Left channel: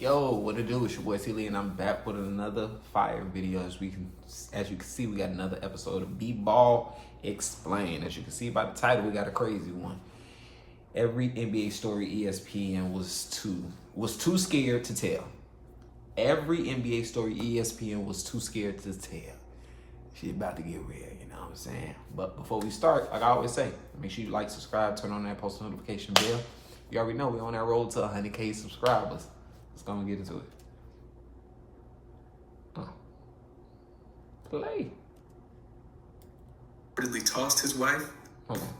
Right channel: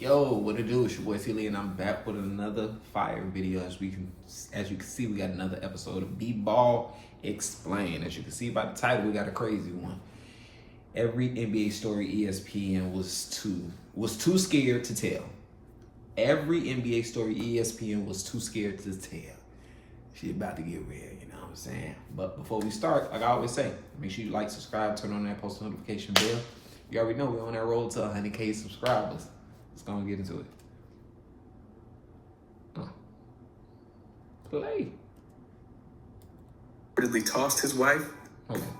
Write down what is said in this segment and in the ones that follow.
Yo, what it do? It's your boy ESPN, and I'm back with another fire video. As you can see, we got another episode of B-Ball Explained. As you can see by the title, we got a crazy one. Every NBA story ESPN was too scared to tell. Every NBA story ESPN was too scared to tell. She's about to get real, you know what I'm saying? But before we start, like I always say, make sure you like, subscribe, turn on that post notification bell. You already know we're on that road to 100K subscribers. Let's go and get into it. Play. Reportedly tossed his wife.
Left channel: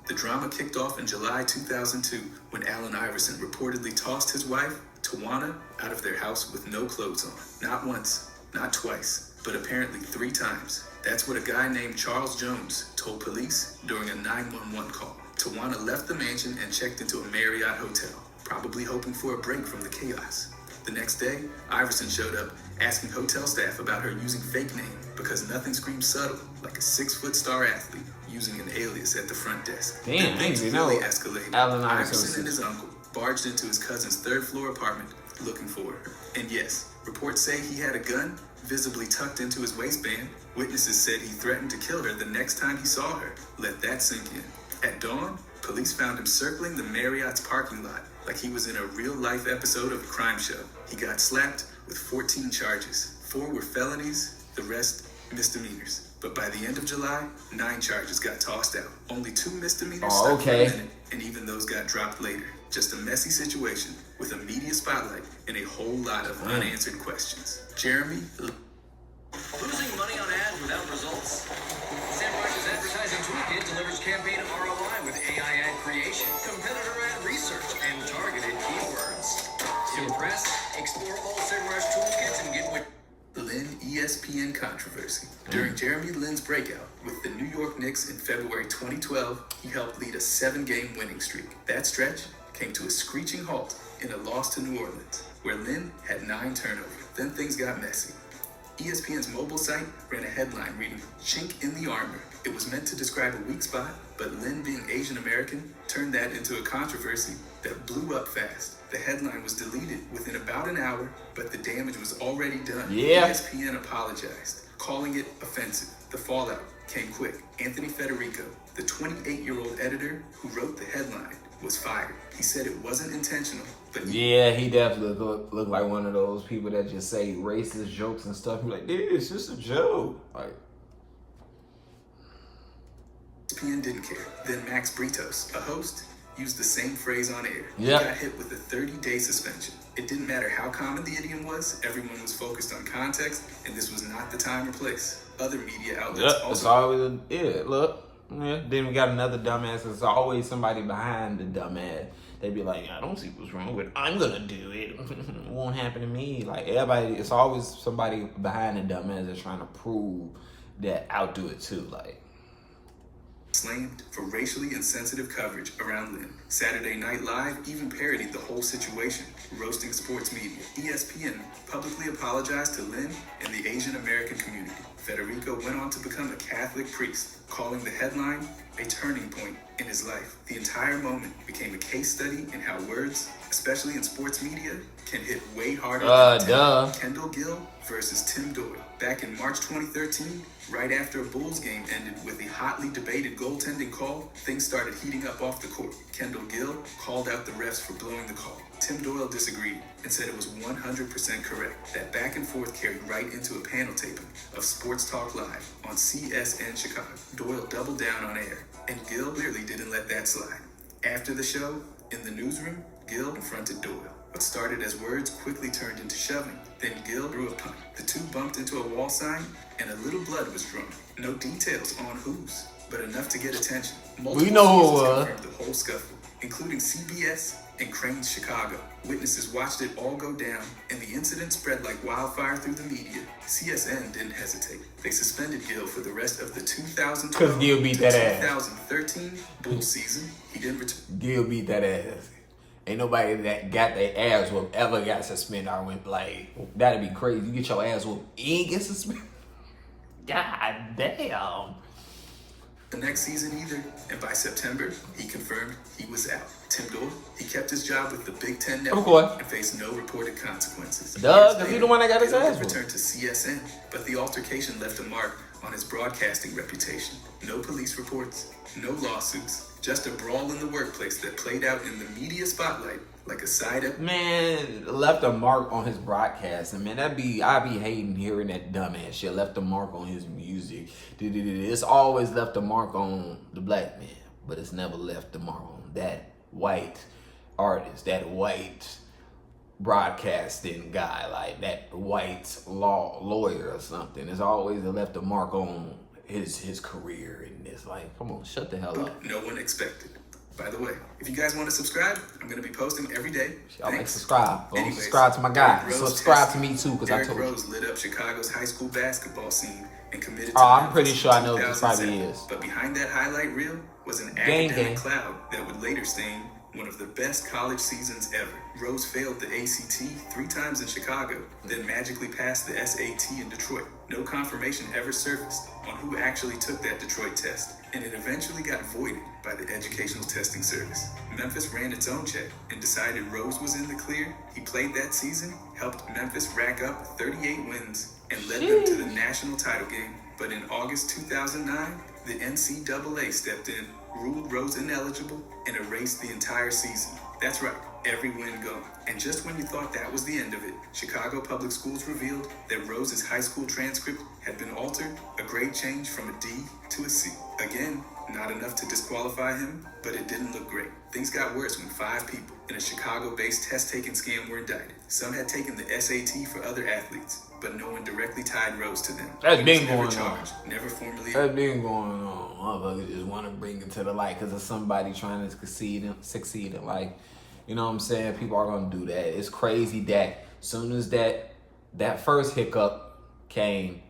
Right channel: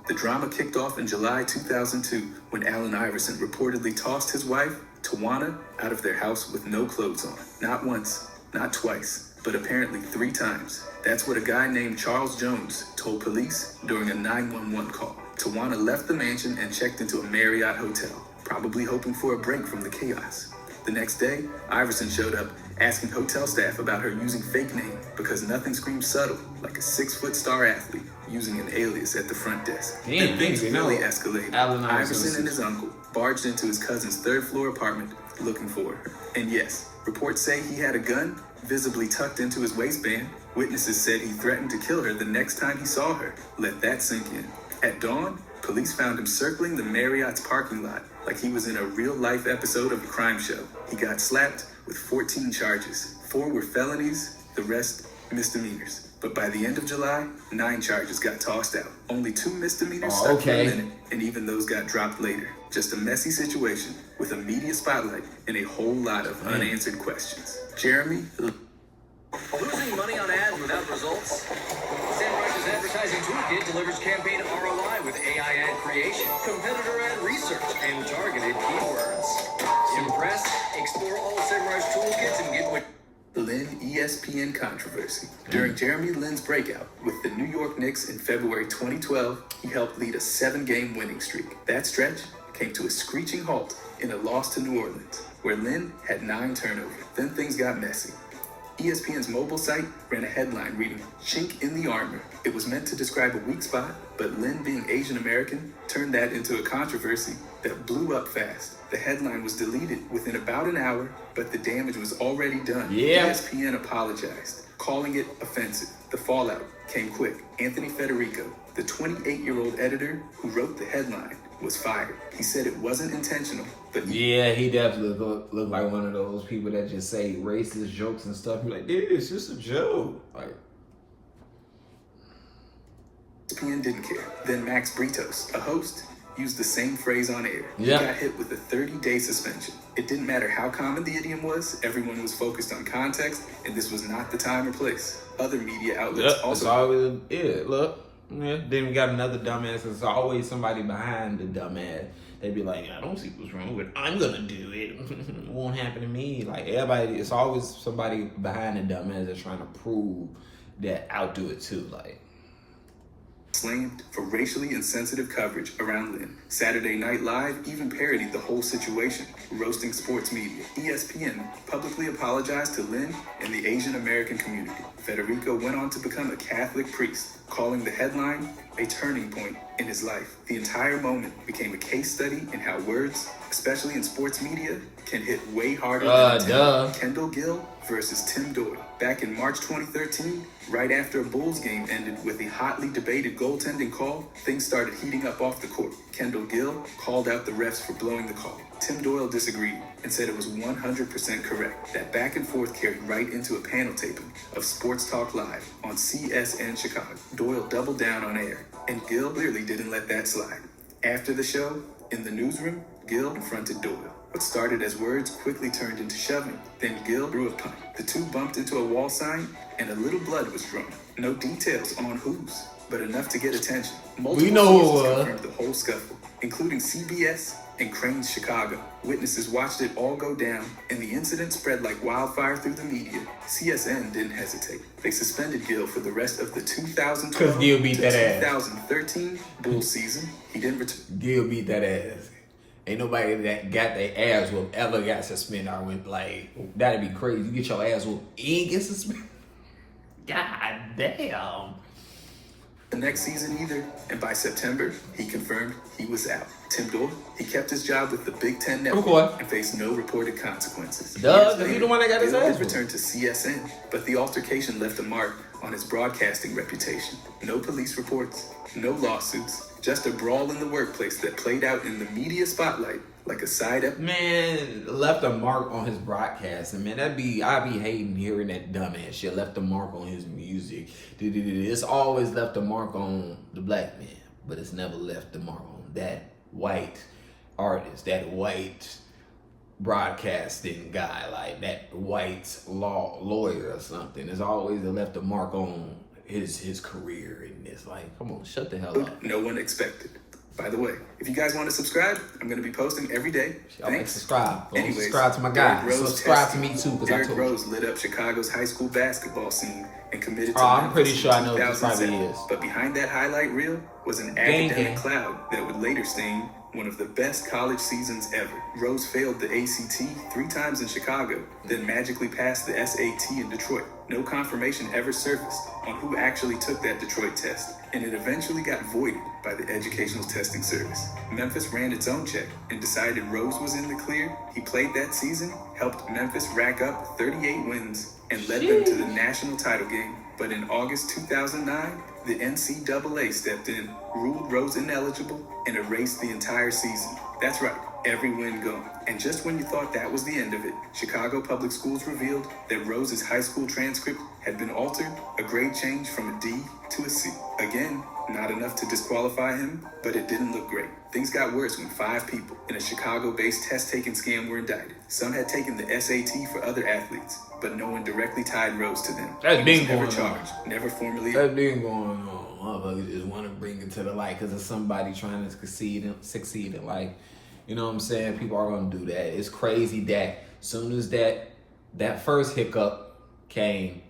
The drama kicked off in July 2002 when Allen Iverson reportedly tossed his wife, Tawana, out of their house with no clothes on. Not once, not twice, but apparently 3 times. That's what a guy named Charles Jones told police during a 911 call. Tawana left the mansion and checked into a Marriott hotel, probably hoping for a break from the chaos. The next day, Iverson showed up asking hotel staff about her using fake name because nothing screams subtle like a 6-foot star athlete using an alias at the front desk. Damn, things you really know, escalated. Allen Iverson and his uncle barged into his cousin's 3rd floor apartment looking for her. And yes, reports say he had a gun visibly tucked into his waistband. Witnesses said he threatened to kill her the next time he saw her. Let that sink in. At dawn, police found him circling the Marriott's parking lot like he was in a real-life episode of a crime show. He got slapped with 14 charges. 4 were felonies, the rest misdemeanors. But by the end of July, 9 charges got tossed out. Only 2 misdemeanors stuck for a minute, and even those got dropped later. Just a messy situation with a media spotlight and a whole lot of unanswered questions. Jeremy? Losing money on ads without results? SEMrush's advertising toolkit delivers campaign ROI with AI ad creation, competitor ad research, and targeted keywords. Impressed? Explore all SEMrush toolkits and get what... Lin ESPN controversy. During Jeremy Lin's breakout with the New York Knicks in February 2012, he helped lead a 7-game winning streak. That stretch came to a screeching halt in a loss to New Orleans, where Lin had 9 turnovers. Then things got messy. ESPN's mobile site ran a headline reading, "Chink in the Armor." It was meant to describe a weak spot, but Lin, being Asian American, turned that into a controversy that blew up fast. The headline was deleted within about an hour, but the damage was already done. ESPN apologized, calling it offensive. The fallout came quick. Anthony Federico, the 28-year-old editor who wrote the headline, was fired. He said it wasn't intentional, but he definitely look like one of those people that just say racist jokes and stuff. He's like, dude, it's just a joke. Like, ESPN didn't care. Then Max Britos, a host, used the same phrase on air. He Yep. got hit with a 30-day suspension. It didn't matter how common the idiom was. Everyone was focused on context, and this was not the time or place. Other media outlets it's also... always, look. Yeah, then we got another dumbass. There's always somebody behind the dumbass. They be like, I don't see what's wrong with it. I'm gonna do it. It won't happen to me. Like, everybody, it's always somebody behind the dumbass that's trying to prove that I'll do it too. Like, slammed for racially insensitive coverage around Lin. Saturday Night Live even parodied the whole situation, roasting sports media. ESPN publicly apologized to Lin and the Asian American community. Federico went on to become a Catholic priest, calling the headline a turning point in his life. The entire moment became a case study in how words, especially in sports media, can hit way harder than Kendall Gill versus Tim Doyle. Back in March 2013, right after a Bulls game ended with a hotly debated goaltending call, things started heating up off the court. Kendall Gill called out the refs for blowing the call. Tim Doyle disagreed and said it was 100% correct. That back and forth carried right into a panel taping of Sports Talk Live on CSN Chicago. Doyle doubled down on air, and Gill clearly didn't let that slide. After the show, in the newsroom, Gill confronted Doyle. What started as words quickly turned into shoving. Then Gill threw a punt. The two bumped into a wall sign, and a little blood was drawn. No details on whose, but enough to get attention. Multiple sources confirmed the whole scuffle, including CBS and Crane's Chicago. Witnesses watched it all go down, and the incident spread like wildfire through the media. CSN didn't hesitate. They suspended Gill for the rest of the 2012 Gill beat to that 2013 Bulls season. He didn't return. Gill beat that ass. Ain't nobody that got their ass whooped ever got suspended. I went like, that'd be crazy. You get your ass whooped, you ain't get suspended. God damn. the next season either, and by September, he confirmed he was out. Tim Doyle, he kept his job with the Big Ten Network and faced no reported consequences. Because he's the one that got his ass returned to CSN, but the altercation left a mark on his broadcasting reputation. No police reports, no lawsuits, just a brawl in the workplace that played out in the media spotlight like a side up. Man, left a mark on his broadcasting. Man, I'd be hating hearing that dumbass shit. Left a mark on his music. It's always left a mark on the black man, but it's never left a mark on that white artist, that white broadcasting guy, like that white lawyer or something. It's always left a mark on his career, and it's like, come on, shut the hell up. No one expected. By the way, if you guys want to subscribe, I'm going to be posting every day. Y'all make subscribe. Subscribe to my guy. Subscribe to me too, because I told you. Rose lit up Chicago's high school basketball scene and committed to I'm pretty sure I know what this probably is. But behind that highlight reel was an academic cloud that would later stain one of the best college seasons ever. Rose failed the ACT 3 times in Chicago, then magically passed the SAT in Detroit. No confirmation ever surfaced on who actually took that Detroit test, and it eventually got voided by the Educational Testing Service. Memphis ran its own check and decided Rose was in the clear. He played that season, helped Memphis rack up 38 wins, and led them to the national title game. But in August 2009, the NCAA stepped in, ruled Rose ineligible, and erased the entire season. That's right, every win gone. And just when you thought that was the end of it, Chicago Public Schools revealed that Rose's high school transcript had been altered, a grade change from a D to a C. Again, not enough to disqualify him, but it didn't look great. Things got worse when 5 people in a Chicago-based test-taking scam were indicted. Some had taken the SAT for other athletes, but no one directly tied Rose to them. That's been going on. Never formally. That's been going on. Motherfuckers just want to bring it to the light because of somebody trying to succeed in life. You know what I'm saying? People are going to do that. It's crazy that as soon as that first hiccup came,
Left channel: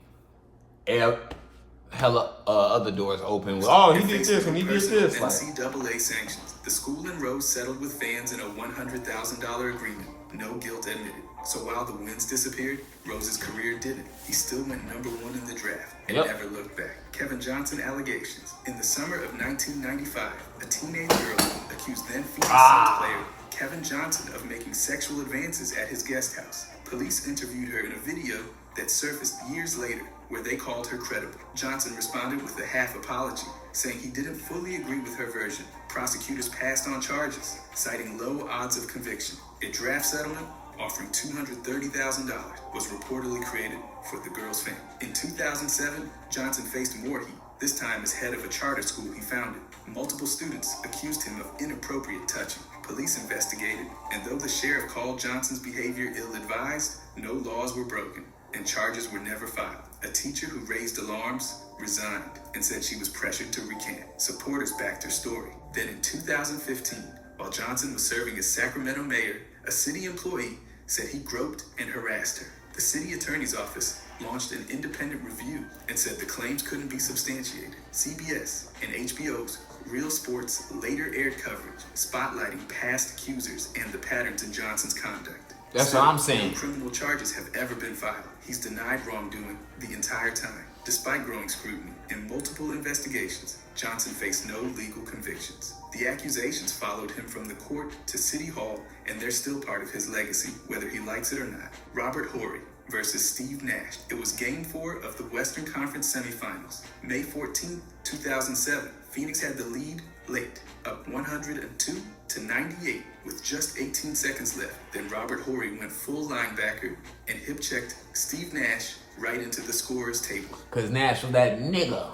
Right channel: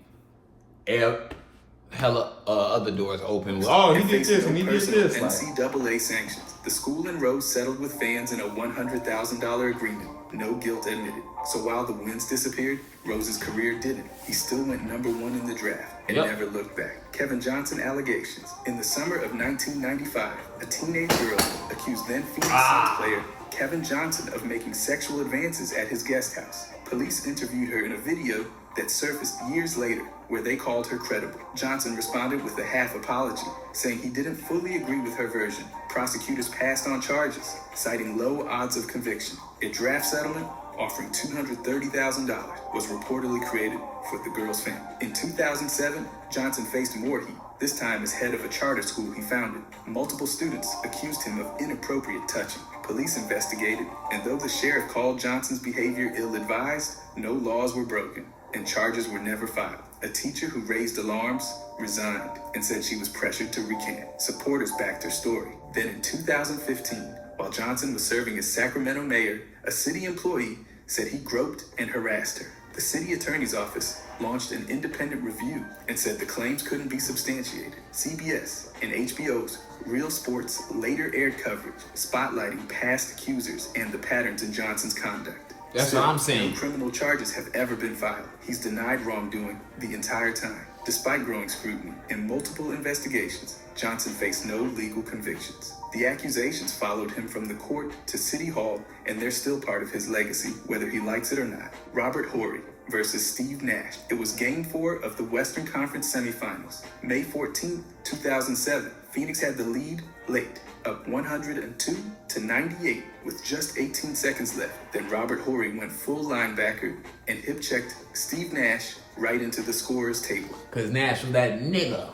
hella other doors open. Oh, he did this and he did this. NCAA sanctions. The school and Rose settled with fans in a $100,000 agreement. No guilt admitted. So while the wins disappeared, Rose's career didn't. He still went #1 in the draft and never looked back. Kevin Johnson allegations. In the summer of 1995, a teenage girl accused then Phoenix Suns player Kevin Johnson of making sexual advances at his guest house. Police interviewed her in a video that surfaced years later, where they called her credible. Johnson responded with a half apology, saying he didn't fully agree with her version. Prosecutors passed on charges, citing low odds of conviction. A draft settlement offering $230,000 was reportedly created for the girl's family. In 2007, Johnson faced more heat, this time as head of a charter school he founded. Multiple students accused him of inappropriate touching. Police investigated, and though the sheriff called Johnson's behavior ill-advised, no laws were broken, and charges were never filed. A teacher who raised alarms resigned and said she was pressured to recant. Supporters backed her story. Then in 2015, while Johnson was serving as Sacramento mayor, a city employee said he groped and harassed her. The city attorney's office launched an independent review and said the claims couldn't be substantiated. CBS and HBO's Real Sports later aired coverage spotlighting past accusers and the patterns in Johnson's conduct. That's what I'm saying. No criminal charges have ever been filed. He's denied wrongdoing the entire time. Despite growing scrutiny and multiple investigations, Johnson faced no legal convictions. The accusations followed him from the court to City Hall, and they're still part of his legacy, whether he likes it or not. Robert Horry versus Steve Nash. It was Game 4 of the Western Conference semifinals. May 14, 2007. Phoenix had the lead late, up 102-98 with just 18 seconds left. Then Robert Horry went full linebacker and hip-checked Steve Nash right into the scorer's table. Because Nash was that nigga.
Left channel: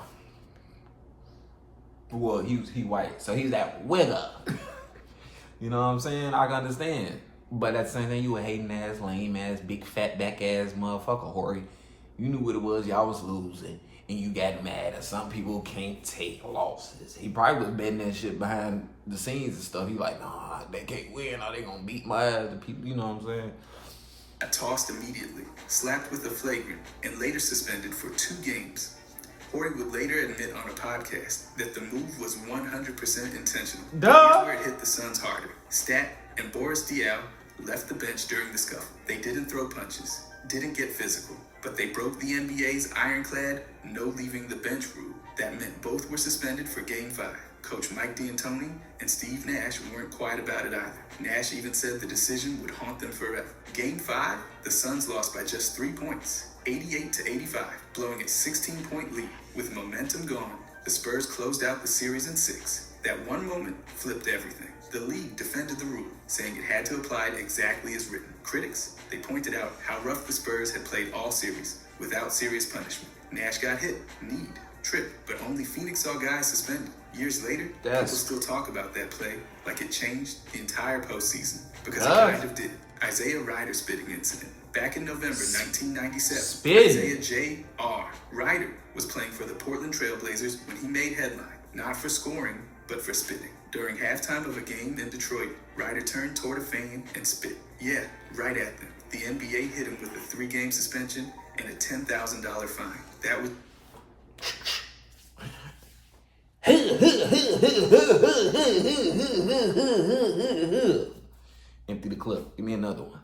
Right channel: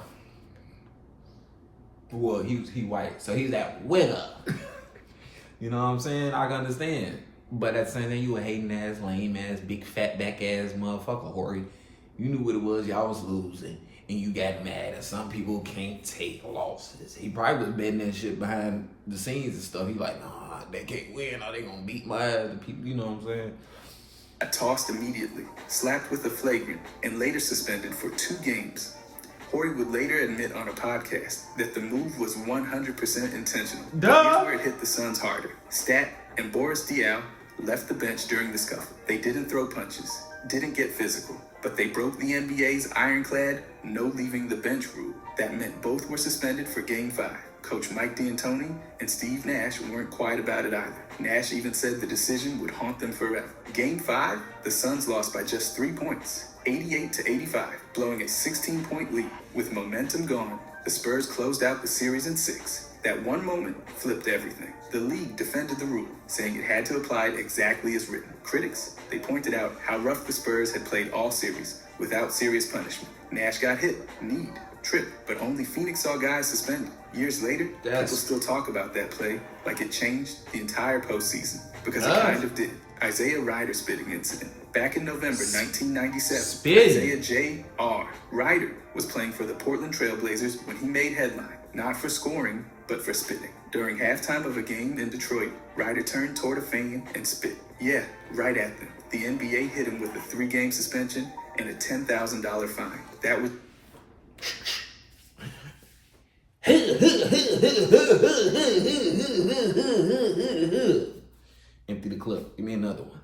Well, he white, so he's that wigger. You know what I'm saying? I can understand. But at the same time, you a hating ass, lame ass, big fat back ass motherfucker, Horry. You knew what it was, y'all was losing. And you got mad, and some people can't take losses. He probably was betting that shit behind the scenes and stuff. He like, nah, they can't win, or they gonna beat my ass. And people, you know what I'm saying? I tossed immediately, slapped with a flagrant, and later suspended for 2 games. Horry would later admit on a podcast that the move was 100% intentional. Here's where it hit the Suns harder. Stat and Boris Diaw left the bench during the scuffle. They didn't throw punches, didn't get physical, but they broke the NBA's ironclad no leaving the bench rule. That meant both were suspended for Game 5. Coach Mike D'Antoni and Steve Nash weren't quiet about it either. Nash even said the decision would haunt them forever. Game 5, the Suns lost by just 3 points, 88-85, blowing a 16-point lead. With momentum gone, the Spurs closed out the series in 6. That one moment flipped everything. The league defended the rule, saying it had to apply it exactly as written. Critics, they pointed out how rough the Spurs had played all series, without serious punishment. Nash got hit, kneed, tripped, but only Phoenix saw guys suspended. Years later, people still talk about that play like it changed the entire postseason, because it kind of did. Isaiah Ryder spitting incident. Back in November 1997, Isaiah J.R. Ryder was playing for the Portland Trailblazers when he made headline, not for scoring, but for spitting. During halftime of a game in Detroit, Ryder turned toward a fan and spit. Yeah, right at them. The NBA hit him with a 3-game suspension and a $10,000 fine. That was... Empty the clip. Give me another one.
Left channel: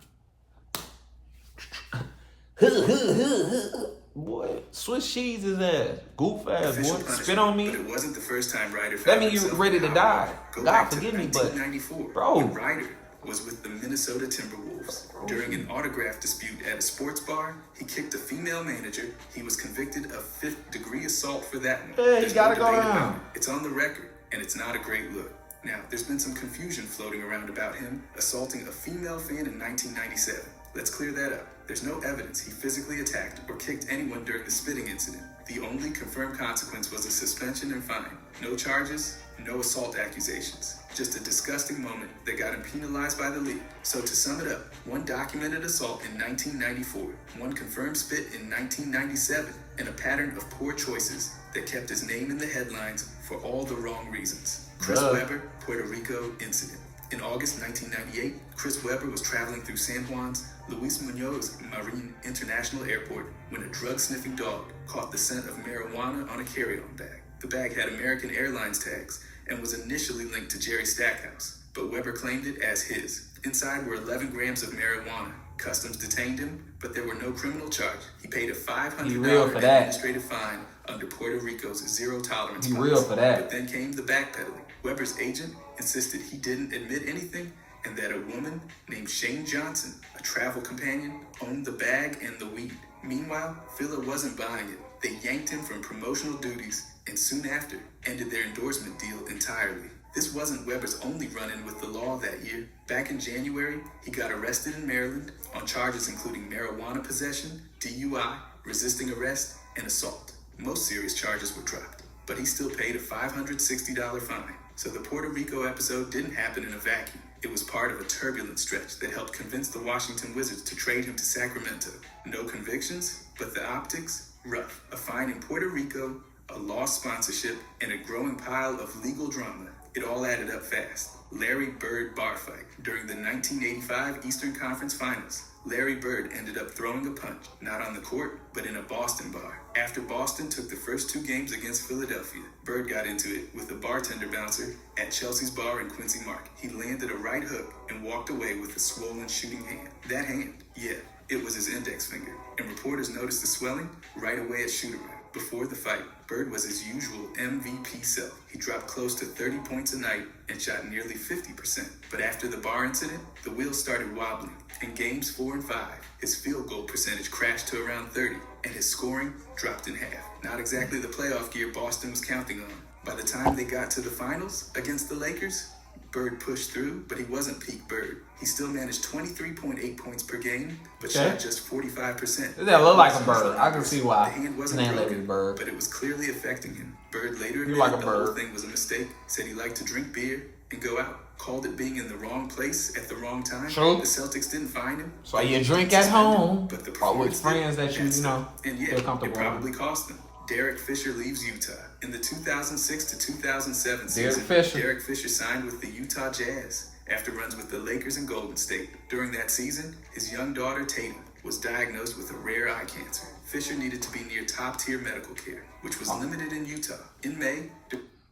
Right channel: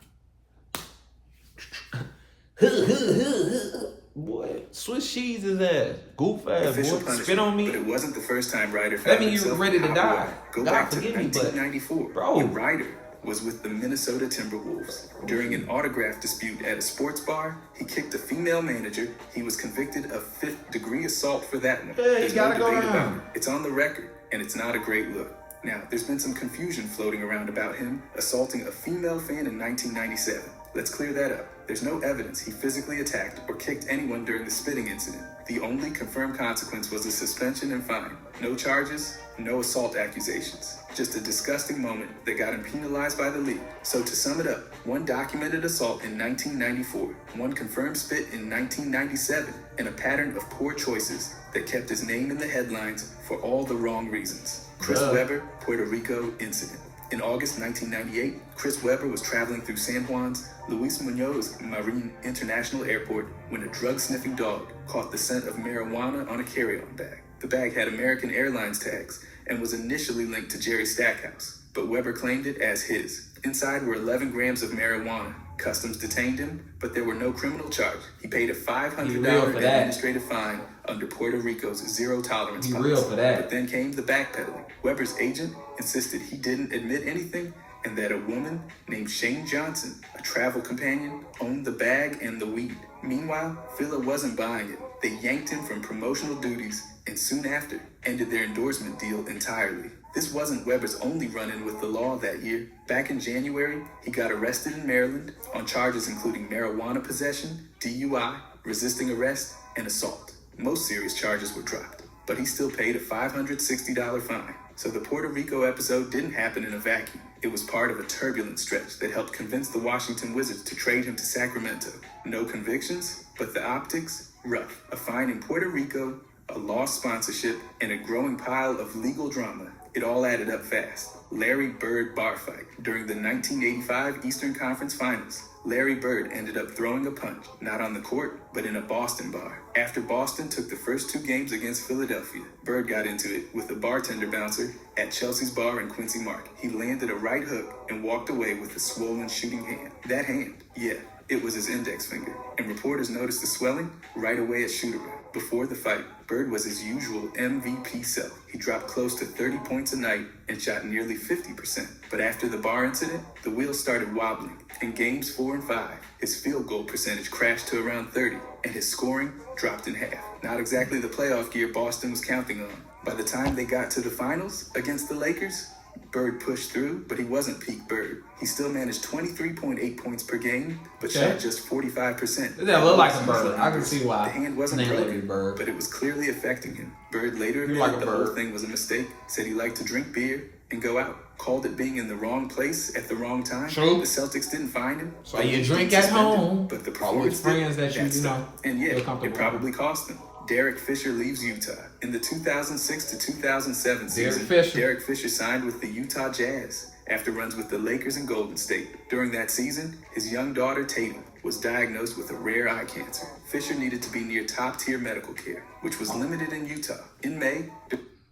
Boy, Swiss cheese his ass. Goof ass, boy. Spit on me. But it wasn't the first time Ryder That means you ready to die. Go God back to forgive me, but 1994, bro, when Ryder was with the Minnesota Timberwolves. During an autograph dispute at a sports bar, he kicked a female manager. He was convicted of 5th-degree assault for that one. There's no debate about it. It's on the record, and it's not a great look. Now, there's been some confusion floating around about him assaulting a female fan in 1997. Let's clear that up. There's no evidence he physically attacked or kicked anyone during the spitting incident. The only confirmed consequence was a suspension and fine. No charges, no assault accusations. Just a disgusting moment that got him penalized by the league. So to sum it up, one documented assault in 1994, one confirmed spit in 1997, and a pattern of poor choices that kept his name in the headlines for all the wrong reasons. Chris Webber, Puerto Rico incident. In August 1998, Chris Webber was traveling through San Juan's Luis Muñoz Marin International Airport when a drug-sniffing dog caught the scent of marijuana on a carry-on bag. The bag had American Airlines tags and was initially linked to Jerry Stackhouse, but Webber claimed it as his. Inside were 11 grams of marijuana. Customs detained him, but there were no criminal charge. He paid a $500 administrative fine under Puerto Rico's zero-tolerance policy. But then came the backpedaling. Webber's agent insisted he didn't admit anything and that a woman named Shane Johnson, a travel companion, owned the bag and the weed. Meanwhile, Fila wasn't buying it. They yanked him from promotional duties and soon after ended their endorsement deal entirely. This wasn't Webber's only run-in with the law that year. Back in January, he got arrested in Maryland on charges including marijuana possession, DUI, resisting arrest, and assault. Most serious charges were dropped, but he still paid a $560 fine. So the Puerto Rico episode didn't happen in a vacuum. It was part of a turbulent stretch that helped convince the Washington Wizards to trade him to Sacramento. No convictions, but the optics, rough. A fine in Puerto Rico, a lost sponsorship, and a growing pile of legal drama. It all added up fast. Larry Bird bar fight. During the 1985 Eastern Conference Finals, Larry Bird ended up throwing a punch, not on the court, but in a Boston bar. After Boston took the first 2 games against Philadelphia, Bird got into it with a bartender bouncer at Chelsea's bar in Quincy Market. He landed a right hook and walked away with a swollen shooting hand. That hand, yeah, it was his index finger. And reporters noticed the swelling right away at shoot-around. Before the fight, Bird was his usual MVP self. He dropped close to 30 points a night and shot nearly 50%. But after the bar incident, the wheels started wobbling. In games 4 and 5, his field goal percentage crashed to around 30, and his scoring dropped in half. Not exactly the playoff gear Boston was counting on. By the time they got to the finals against the Lakers, Bird pushed through, but he wasn't peak Bird. He still managed 23.8 points per game, but shot just 45%. That look like a Bird. I can see why. The hand wasn't broken, but it was clearly affecting him. Bird later admitted the whole thing was a mistake, said he liked to drink beer and go out. Called it being in the wrong place at the wrong time. True. The Celtics didn't find him. So you drink at home, but the with friends that you know, and yeah, feel comfortable. It probably cost them. Derek Fisher leaves Utah. In the 2006 to 2007 season, Derek Fisher signed with the Utah Jazz after runs with the Lakers and Golden State. During that season, his young daughter, Tatum, was diagnosed with a rare eye cancer. Fisher needed to be near top-tier medical care, which was limited in Utah. In May...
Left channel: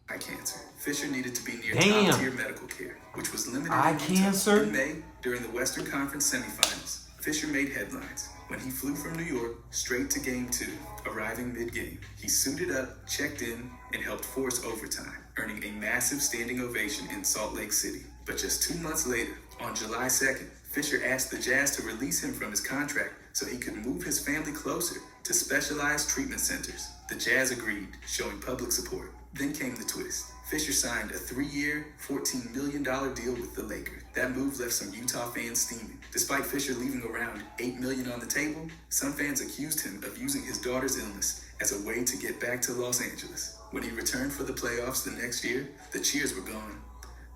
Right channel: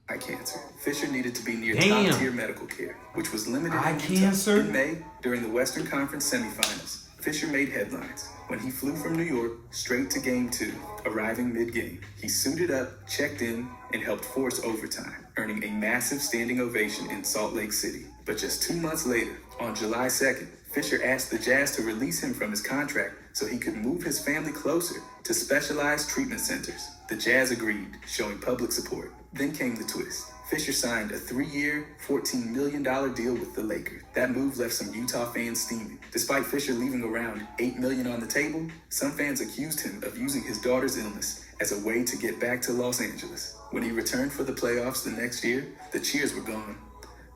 eye cancer. Fisher needed to be near Damn. top-tier medical care, which was limited Eye in cancer? In May, during the Western Conference semifinals, Fisher made headlines when he flew from New York straight to Game 2, arriving mid-game. He suited up, checked in, and helped force overtime, earning a massive standing ovation in Salt Lake City. But just 2 months later, on July 2nd, Fisher asked the Jazz to release him from his contract so he could move his family closer to specialized treatment centers. The Jazz agreed, showing public support. Then came the twist. Fisher signed a 3-year, $14 million deal with the Lakers. That move left some Utah fans steaming. Despite Fisher leaving around $8 million on the table, some fans accused him of using his daughter's illness as a way to get back to Los Angeles. When he returned for the playoffs the next year, the cheers were gone.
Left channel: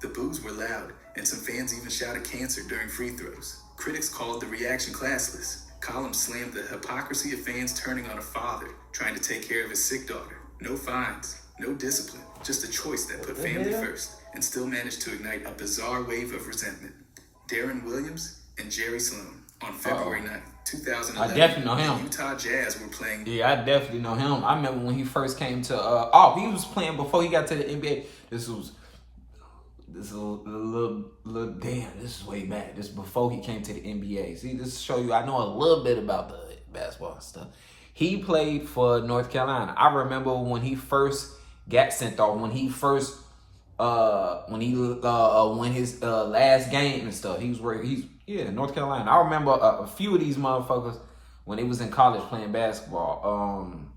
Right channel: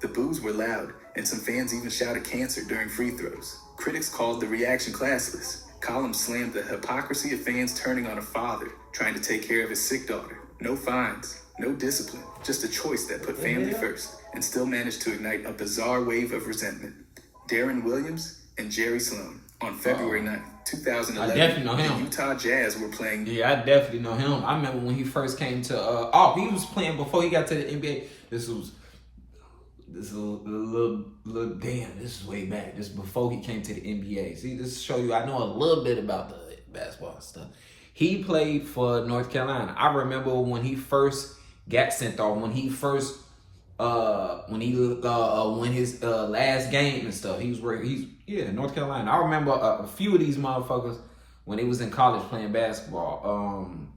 The boos were loud, and some fans even shouted cancer during free throws. Critics called the reaction classless. Columns slammed the hypocrisy of fans turning on a father trying to take care of his sick daughter. No fines, no discipline, just a choice that put family first and still managed to ignite a bizarre wave of resentment. Darren Williams and Jerry Sloan on February 9th, 2011. I definitely know him. The Utah Jazz were playing. Yeah, I definitely know him. I remember when he first came to. He was playing before he got to the NBA. This is a little damn. This is way back. This is before he came to the NBA. See, this show you I know a little bit about the basketball stuff. He played for North Carolina. I remember when he first got sent off. When he first when his last game and stuff. He's North Carolina. I remember a few of these motherfuckers when they was in college playing basketball.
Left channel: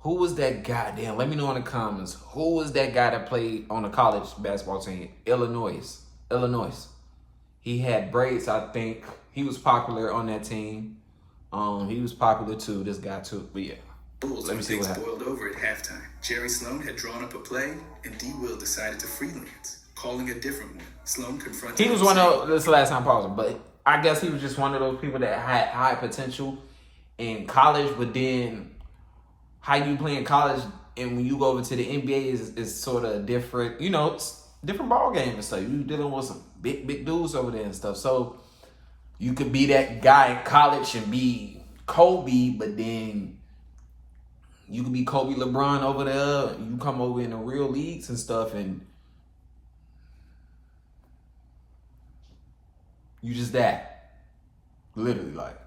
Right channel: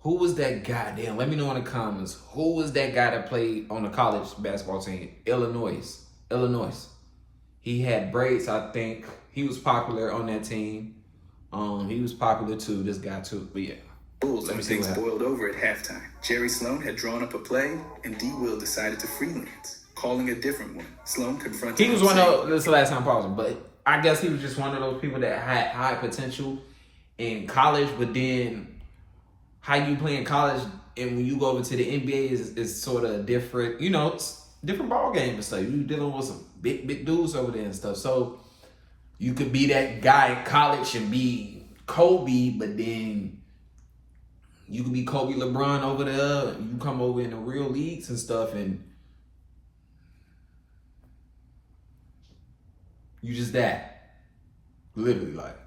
Who was that guy? Damn, let me know in the comments. Who was that guy that played on the college basketball team? Illinois. He had braids, I think. He was popular on that team. He was popular too. This guy too. But yeah. Bulls when things boiled over at halftime. Jerry Sloan had drawn up a play, and D. Will decided to freelance, calling a different one. Sloan confronted. He was one of this last time pausing, but I guess he was just one of those people that had high potential in college, but then how you play in college and when you go over to the NBA is sort of different, it's different ball game and stuff. You dealing with some big dudes over there and stuff. So you could be that guy in college and be Kobe, but then you could be Kobe LeBron over there. You come over in the real leagues and stuff and you just that. Literally, like.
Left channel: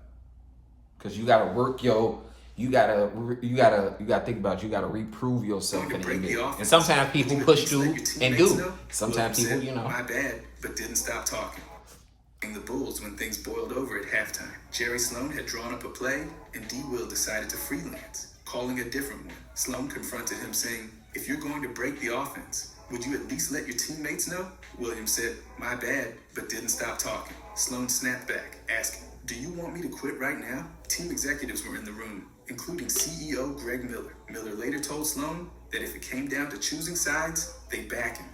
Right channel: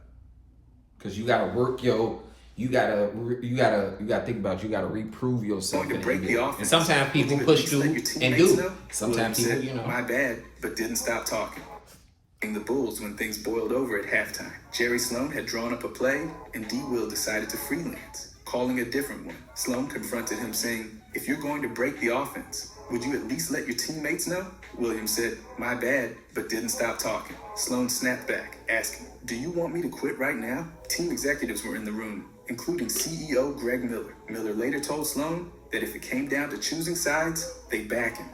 Because you gotta work you gotta think about you gotta reprove yourself. And sometimes people push through and do. Sometimes people, My bad, but didn't stop talking. In the Bulls when things boiled over at halftime. Jerry Sloan had drawn up a play, and D. Will decided to freelance, calling a different one. Sloan confronted him saying, "If you're going to break the offense, would you at least let your teammates know?" Williams said, "My bad," but didn't stop talking. Sloan snapped back, asking, "Do you want me to quit right now?" Team executives were in the room, including CEO Greg Miller. Miller later told Sloan that if it came down to choosing sides, they'd back him.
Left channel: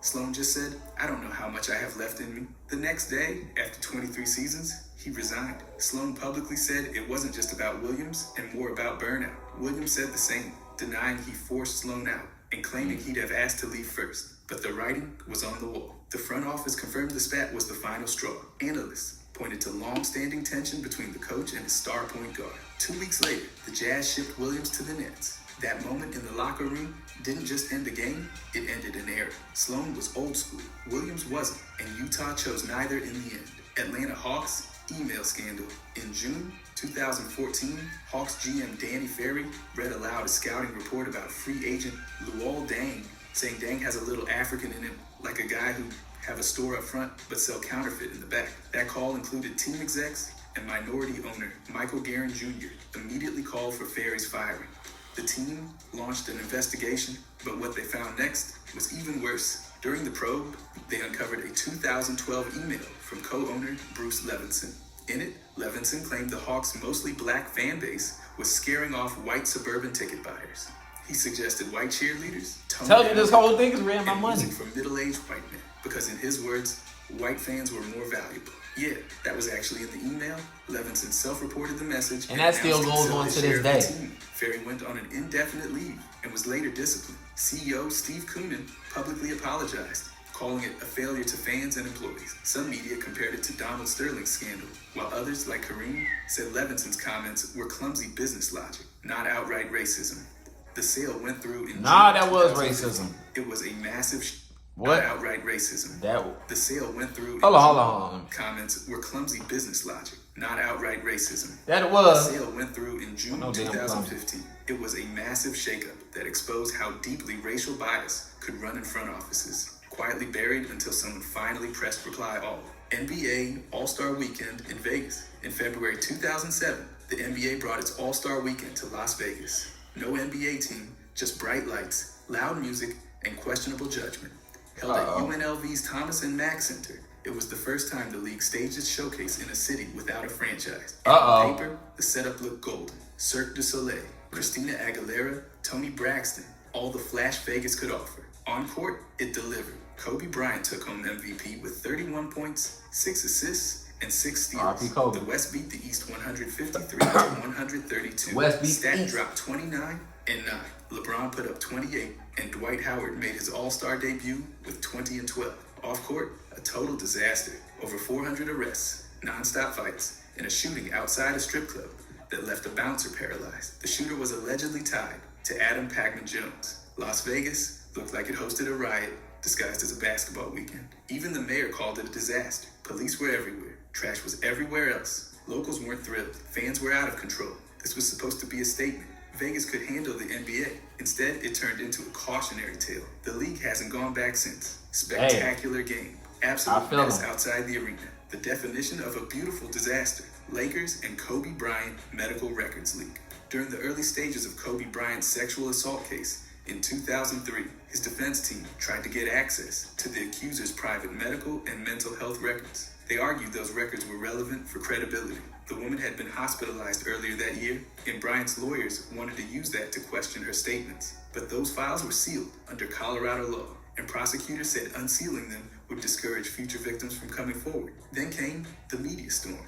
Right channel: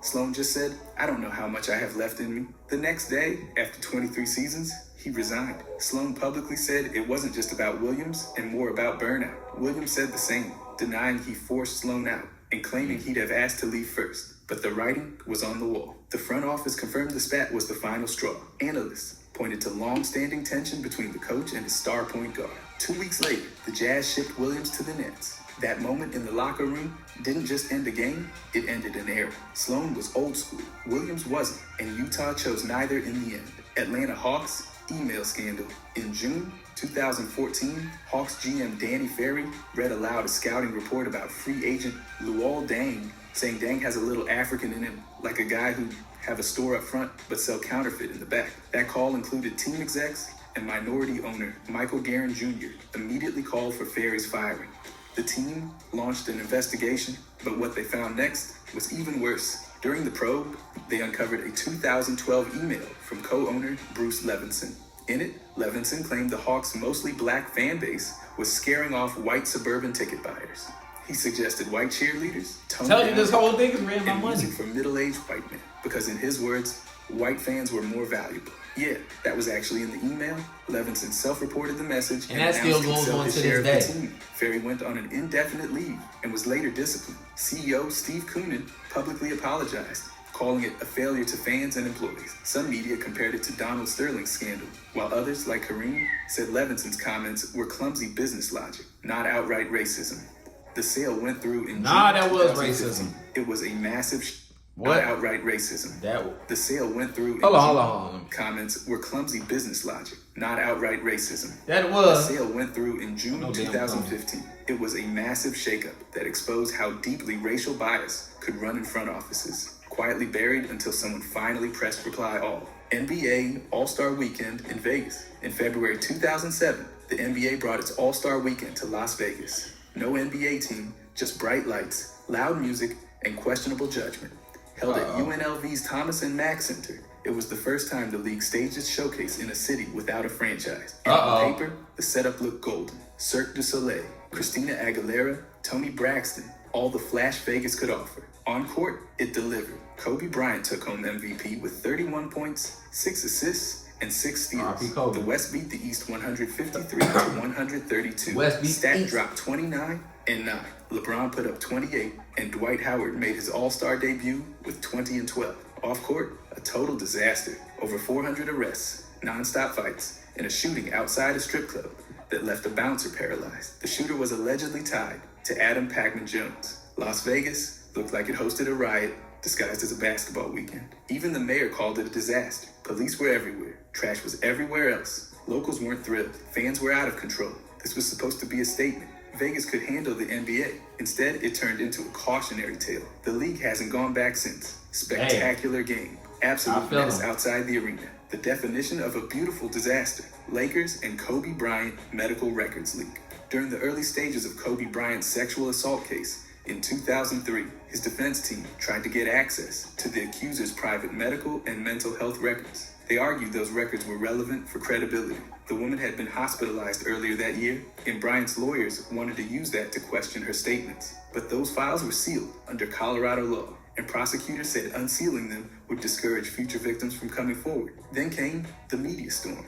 Sloan just said, "I don't know how much I have left in me." The next day, after 23 seasons, he resigned. Sloan publicly said it wasn't just about Williams and more about burnout. Williams said the same, denying he forced Sloan out and claiming he'd have asked to leave first. But the writing was on the wall. The front office confirmed the spat was the final straw. Analysts pointed to long-standing tension between the coach and his star point guard. 2 weeks later, the Jazz shipped Williams to the Nets. That moment in the locker room didn't just end a game, it ended an era. Sloan was old school, Williams wasn't, and Utah chose neither in the end. Atlanta Hawks email scandal. In June 2014, Hawks GM Danny Ferry read aloud a scouting report about free agent Luol Deng, saying Deng has a little African in him, like a guy who have a store up front but sell counterfeit in the back. That call included team execs and minority owner Michael Guerin Jr. immediately called for Ferry's firing. The team launched an investigation, but what they found next was even worse. During the probe, they uncovered a 2012 email from co-owner Bruce Levinson. In it, Levinson claimed the Hawks' mostly black fan base was scaring off white suburban ticket buyers. He suggested white cheerleaders tell you this whole thing is ran my money for middle-aged white men, because in his words, white fans were more valuable. Yeah, that was actually in the email. Levinson self-reported the message and that still goes on to this day. Ferry went on an indefinite leave and was later disciplined. CEO Steve Koonin publicly apologized, calling it a failure to fans and employees. Some media compared it to Donald Sterling's scandal, while others, like Kareem, said Levinson's comments were clumsy business logic, not outright racism. The sale went through in Nah, June that was 2015. racism. It was a massive, What? not outright racism. That The sale went through in hold June. on. Comments were clumsy business logic, not outright racism. That The was. sale went through in June No damn 2015. It was a massive shakeup that exposed how deeply racial bias could run in front offices, quietly buried until someone finally pressed reply all. NBA All-Star Weekend in Vegas. In February 2007, the NBA brought its All-Star Weekend to Las Vegas. No NBA team, just bright lights, loud music, and questionable judgment. Held at UNLV's Thomas and Mack Center, it was the first time the league staged its showcase in a city without a franchise. And on paper, the setup looked golden. Cirque du Soleil, Christina Aguilera, Toni Braxton, all the flash Vegas could offer. On court, it delivered. Kobe Bryant took home MVP with 31 points, 6 assists, and 6 steals. R.I.P. Kobe. The West beat the East 153 to 132. West beat Stat East. dropped 29 and 9. LeBron put up 28, and Dwight Howard made his All-Star debut with 20 and 12. Off court, a total disaster. Over 400 arrests, non-stop fights, and a shooting outside a strip club that left a bouncer paralyzed. The shooter was allegedly tied to Adam Pac-Man Jones. Las Vegas looked like it hosted a riot disguised as a basketball weekend. Even the mayor called it a disaster. Police were everywhere. Trash was everywhere else. Locals weren't thrilled. Fans were out of control. This was supposed to be a statement. Vegas could handle the NBA. Instead, it turned into a cautionary tale. The league hasn't gone back since. Spectacular game. Absolute mess outside the arena. The definition of a beautiful disaster. Lakers and Kobe Bryant medical records leak. During the early stages of Kobe Bryant's sexual assault case, in 2003, his defense team tried to get access to the accuser's private medical and mental health records. They argued those records were relevant for credibility. The woman had been hospitalized earlier that year, and Bryant's lawyers wanted to use that to question her statements. But those files were sealed under Colorado law, and prosecutors said unsealing them would discourage future victims from coming forward. Then came the media storm.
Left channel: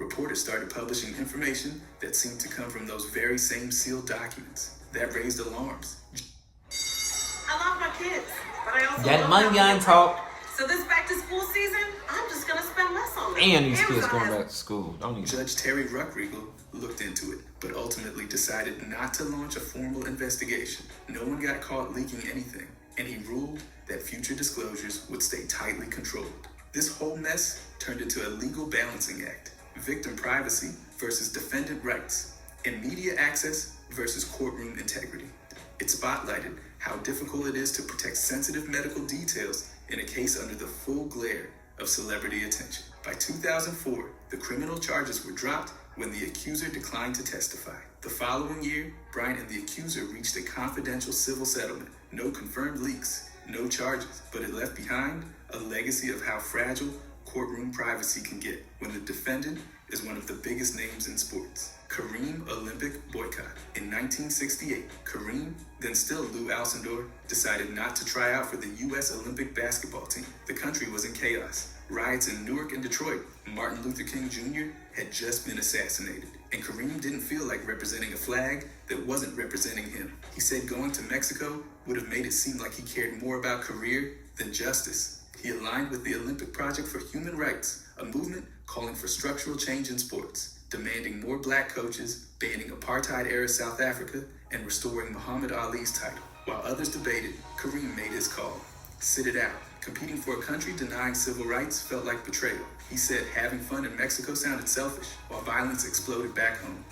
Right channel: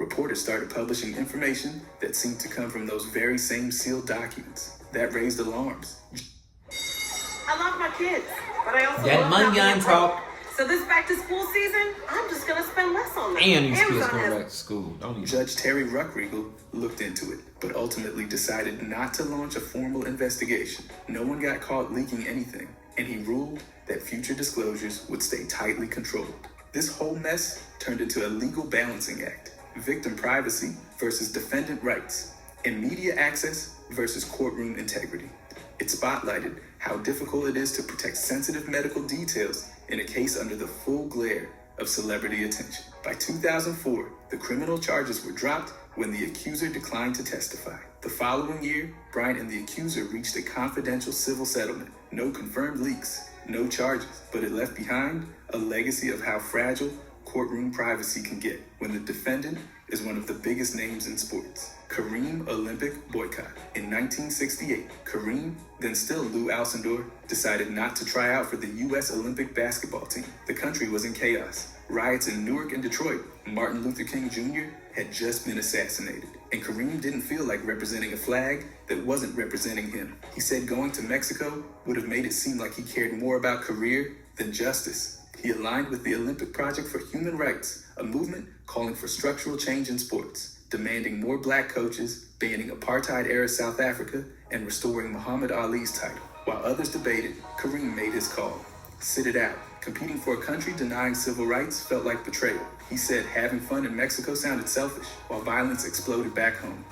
Reporters started publishing information that seemed to come from those very same sealed documents. That raised alarms. I love my kids, but I also That love money my ain't talk. So this back to school season, I'm just gonna spend less on them. And these kids Amazon going has- back to school. Don't even. Judge Terry Ruckriegel looked into it, but ultimately decided not to launch a formal investigation. No one got caught leaking anything, and he ruled that future disclosures would stay tightly controlled. This whole mess turned into a legal balancing act. Victim privacy versus defendant rights, and media access versus courtroom integrity. It spotlighted how difficult it is to protect sensitive medical details in a case under the full glare of celebrity attention. By 2004, the criminal charges were dropped when the accuser declined to testify. The following year, Bryant and the accuser reached a confidential civil settlement. No confirmed leaks, no charges, but it left behind a legacy of how fragile courtroom privacy can get when the defendant is one of the biggest names in sports. Kareem Olympic boycott. In 1968, Kareem, then still Lou Alcindor, decided not to try out for the U.S. Olympic basketball team. The country was in chaos. Riots in Newark and Detroit. Martin Luther King Jr. had just been assassinated, and Kareem didn't feel like representing a flag that wasn't representing him. He said going to Mexico would have made it seem like he cared more about career than justice. He aligned with the Olympic Project for Human Rights, a movement calling for structural change in sports, demanding more black coaches, banning apartheid-era South Africa, and restoring Muhammad Ali's title. While others debated, Kareem made his call. Sit it out. Competing for a country denying civil rights felt like betrayal. He said having fun in Mexico sounded selfish, while violence exploded back home.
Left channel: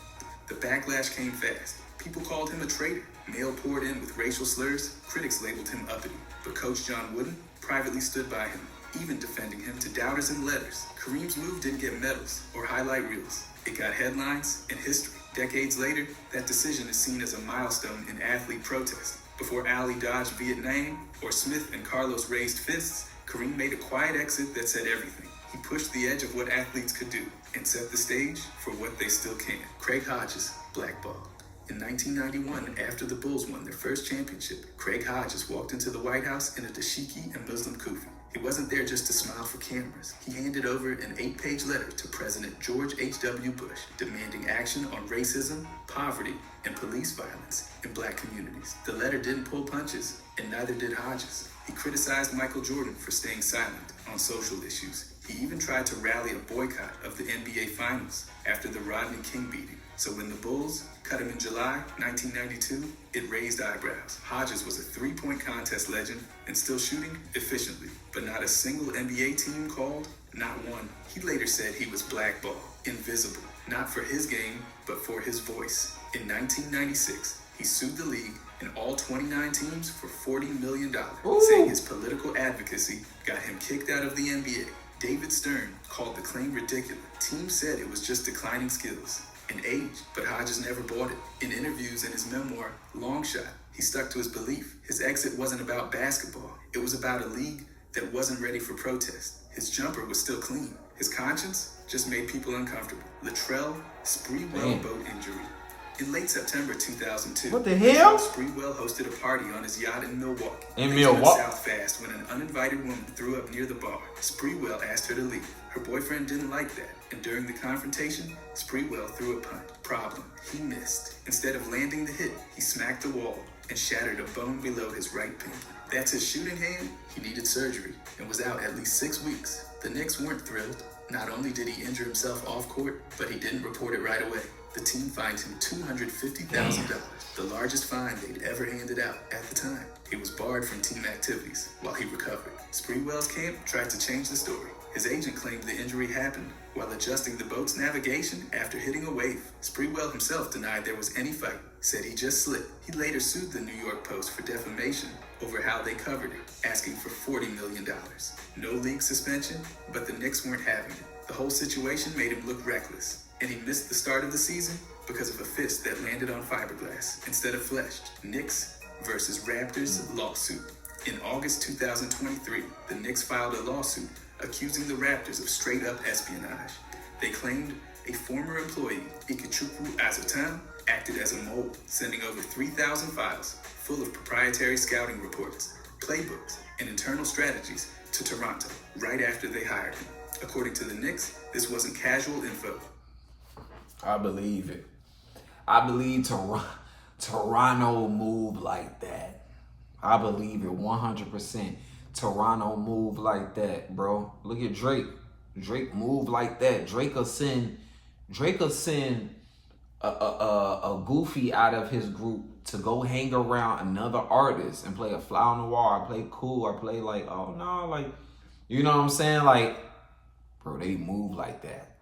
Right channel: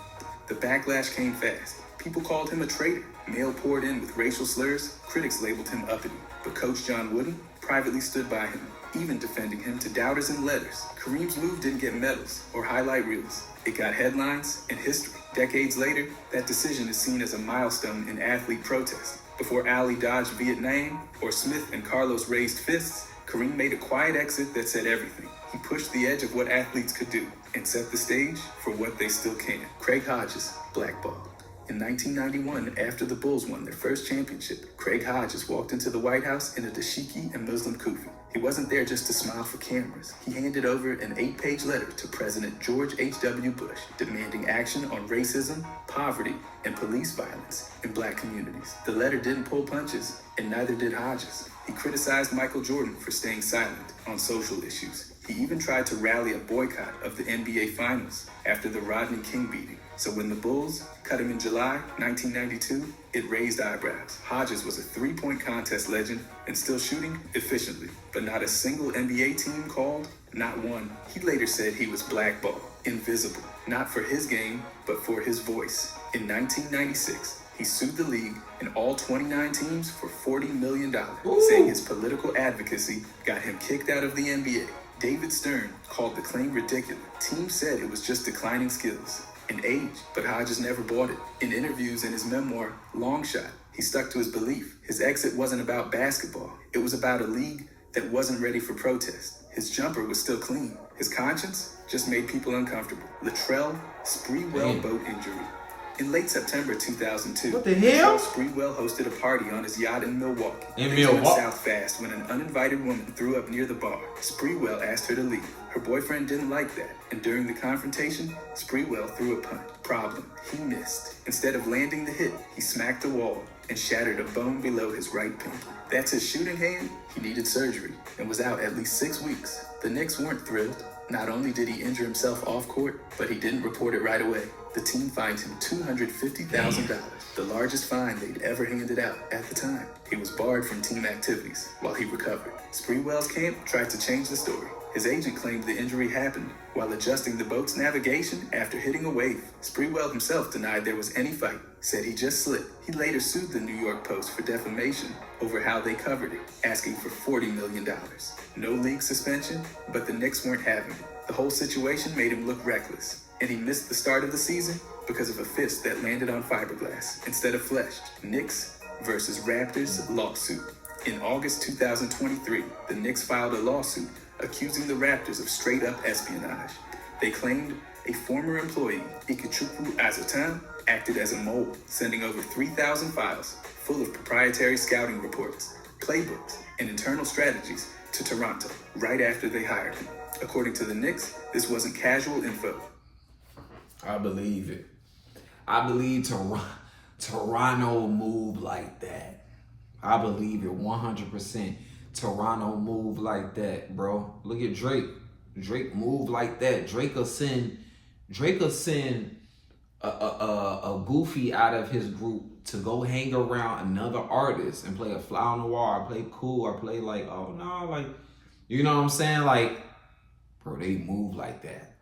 The backlash came fast. People called him a traitor. Mail poured in with racial slurs. Critics labeled him uppity. But Coach John Wooden privately stood by him, even defending him to doubters in letters. Kareem's move didn't get medals or highlight reels. It got headlines and history. Decades later, that decision is seen as a milestone in athlete protest. Before Ali dodged Vietnam or Smith and Carlos raised fists, Kareem made a quiet exit that said everything. He pushed the edge of what athletes could do and set the stage for what they still can. Craig Hodges, blackballed. In 1991, after the Bulls won their first championship, Craig Hodges walked into the White House in a dashiki and Muslim kufi. He wasn't there just to smile for cameras. He handed over an 8-page letter to President George H.W. Bush, demanding action on racism, poverty, and police violence in black communities. The letter didn't pull punches, and neither did Hodges. He criticized Michael Jordan for staying silent on social issues. He even tried to rally a boycott of the NBA Finals after the Rodney King beating. So when the Bulls cut him in July 1992, it raised eyebrows. Hodges was a three-point contest legend and still shooting efficiently, but not a single NBA team called, not one. He later said he was blackballed, invisible, not for his game, but for his voice. In 1996, he sued the league and all 29 teams for $40 million, saying his political advocacy got him kicked out of the NBA. David Stern called the claim ridiculous. Teams said it was just declining skills and age, but Hodges never bought it. In interviews in his memoir, Long Shot, he stuck to his belief. His exit wasn't about basketball. It was about a league that wasn't ready for protest. His jumper was still clean. His conscience just made people uncomfortable. Latrell Sprewell boat injury. In late September 2002, what the hell? Sprewell hosted a party on his yacht in Milwaukee. In They turned Milwaukee? south fast when an uninvited woman threw up near the bar. Sprewell asked her to leave. Her boyfriend didn't like that, and during the confrontation, Sprewell threw a punch. Problem, he missed. Instead of landing the hit, he smacked the wall and shattered a bone below his right pinky. That's his shooting hand. He needed surgery and was out at least 6 weeks. The Knicks weren't thrilled. Not only did he injure himself off court, but he didn't report it right away. The team fined him $250,000, the largest fine they'd ever handed out at the time. He was barred from team activities while he recovered. Sprewell's camp tried to change the story. His agent claimed the injury happened while adjusting the boat's navigation after hitting a wave. Sprewell himself denied there was any fight, said he just slipped. He later sued the New York Post for defamation over how they covered it, asking for $40 million. No league suspension, but the Knicks weren't having it. The whole situation made him look reckless, and he missed the start of the season because of a fist that landed on fiberglass instead of flesh. Knicks versus Raptors lawsuit. In August 2023, the Knicks filed a lawsuit accusing the Raptors of straight-up espionage. They claimed a former employee, Ikechukwu Azotun, acted as a mole, sending over 3,000 files full of proprietary scouting reports, playbooks, and internal strategies to Toronto right after they hired him. According to the Knicks, this wasn't casual info. I believe it. I believe Toronto will move like that. I believe it 100%. Toronto move like that, bro. Look at Drake. Drake move like that. Drake will send a goofy out of his group to go hang around another artist and play a fly on the wall, or play cool, or play like, oh no, like, you know what I'm saying? Like, bro, they move like that.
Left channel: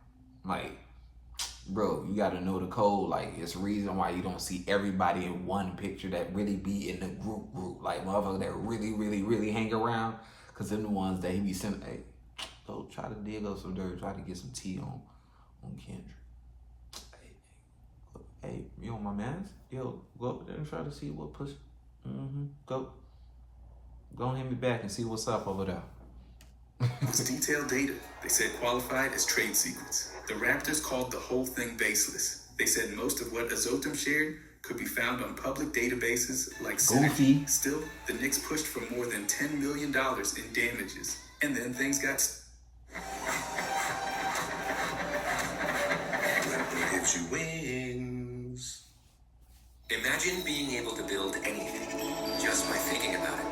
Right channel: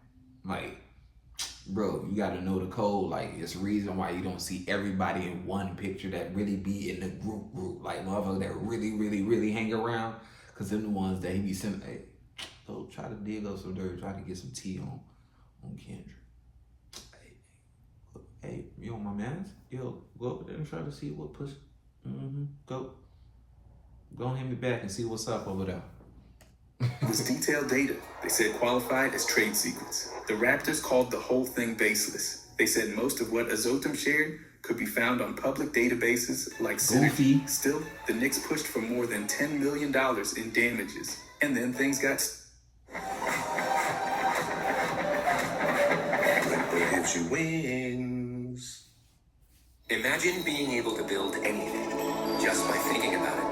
Like, bro, you gotta know the code. Like, it's a reason why you don't see everybody in one picture that really be in the group. Like, motherfuckers that really hang around. Cause they're the ones that he be sending, hey, go try to dig up some dirt, try to get some tea on Kendrick. Hey, you on my mans? Yo, go over there and try to see what pussy. Go hit me back and see what's up over there. It was detailed data. They said qualified as trade secrets. The Raptors called the whole thing baseless. They said most of what Azotum shared could be found on public databases like Synergy. Still, the Knicks pushed for more than $10 million in damages. And then things got... Red gives you wings. Imagine being able to build anything just by thinking about it.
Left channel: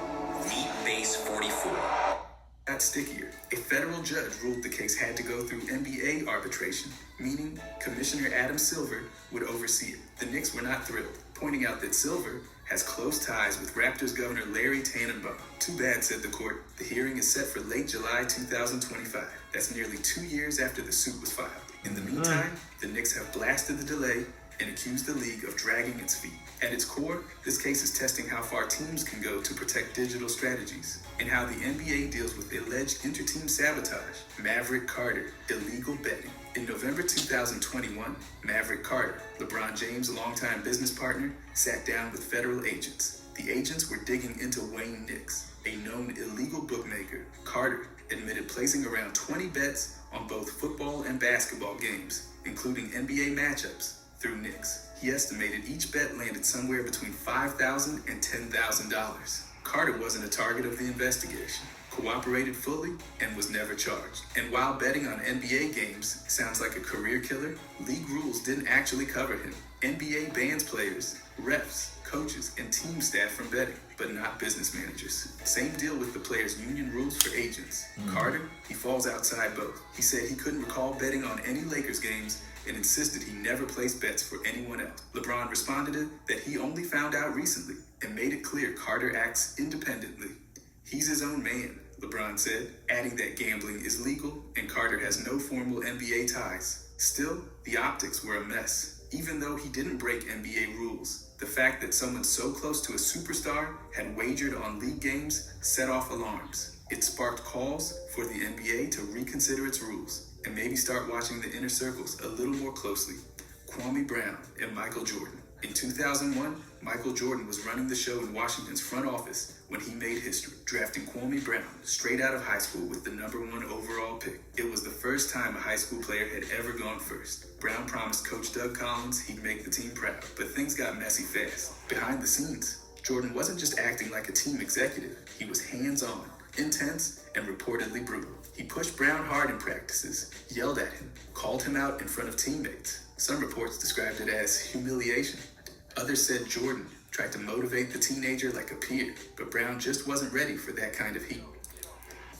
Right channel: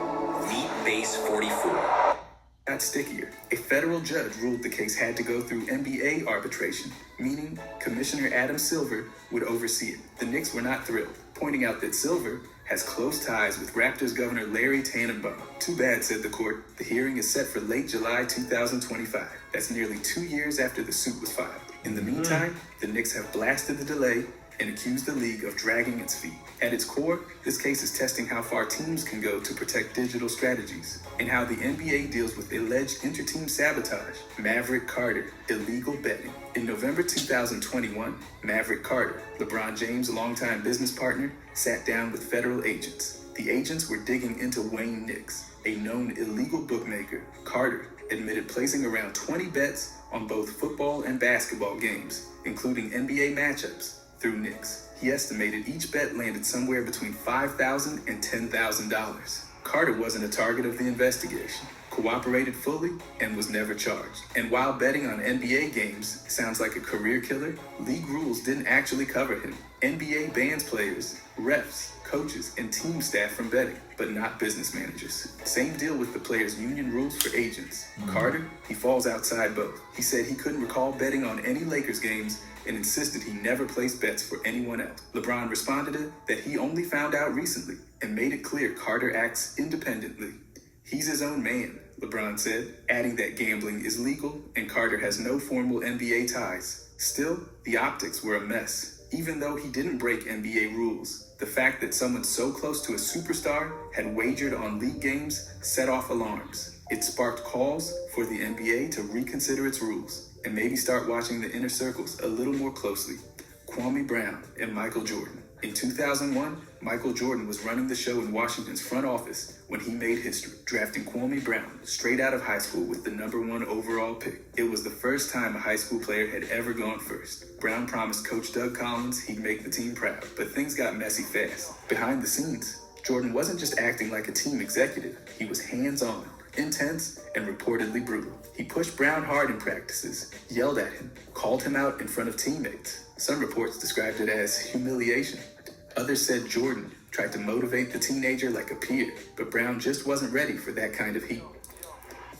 Meet Base 44. Got stickier. A federal judge ruled the case had to go through NBA arbitration, meaning Commissioner Adam Silver would oversee it. The Knicks were not thrilled, pointing out that Silver has close ties with Raptors Governor Larry Tannenbaum. Too bad, said the court. The hearing is set for late July 2025. That's nearly 2 years after the suit was filed. In the meantime, the Knicks have blasted the delay and accused the league of dragging its feet. At its core, this case is testing how far teams can go to protect digital strategies and how the NBA deals with alleged inter-team sabotage. Maverick Carter, illegal betting. In November 2021, Maverick Carter, LeBron James' longtime business partner, sat down with federal agents. The agents were digging into Wayne Knicks, a known illegal bookmaker. Carter admitted placing around 20 bets on both football and basketball games, including NBA matchups, through Knicks. He estimated each bet landed somewhere between $5,000 and $10,000. Carter wasn't a target of the investigation. cooperated fully, and was never charged. And while betting on NBA games sounds like a career killer, league rules didn't actually cover him. NBA bans players, refs, coaches, and team staff from betting, but not business managers. Same deal with the players' union rules for agents. Carter, he falls outside both. He said he couldn't recall betting on any Lakers games and insisted he never placed bets for anyone else. LeBron responded that he only found out recently and made it clear Carter acts independently. He's his own man, LeBron said, adding that gambling is legal and Carter has no formal NBA ties. Still, the optics were a mess. Even though he didn't break NBA rules, the fact that someone so close to a superstar had wagered on league games set off alarms. It sparked calls for the NBA to reconsider its rules and maybe start watching the inner circles a little more closely. Kwame Brown and Michael Jordan. In 2001, Michael Jordan was running the show in Washington's front office when he made history, drafting Kwame Brown straight out of high school with the #1 overall pick. It was the first time a high school player had ever gone first. Brown promised Coach Doug Collins he'd make the team proud, but things got messy fast. Behind the scenes, Jordan wasn't just acting like a team executive. He was hands-on, intense, and reportedly brutal. He pushed Brown hard in practices, yelled at him, called him out in front of teammates. Some reports described it as humiliation. Others said Jordan tried to motivate the teenager like a peer, but Brown just wasn't ready for that kind of heat.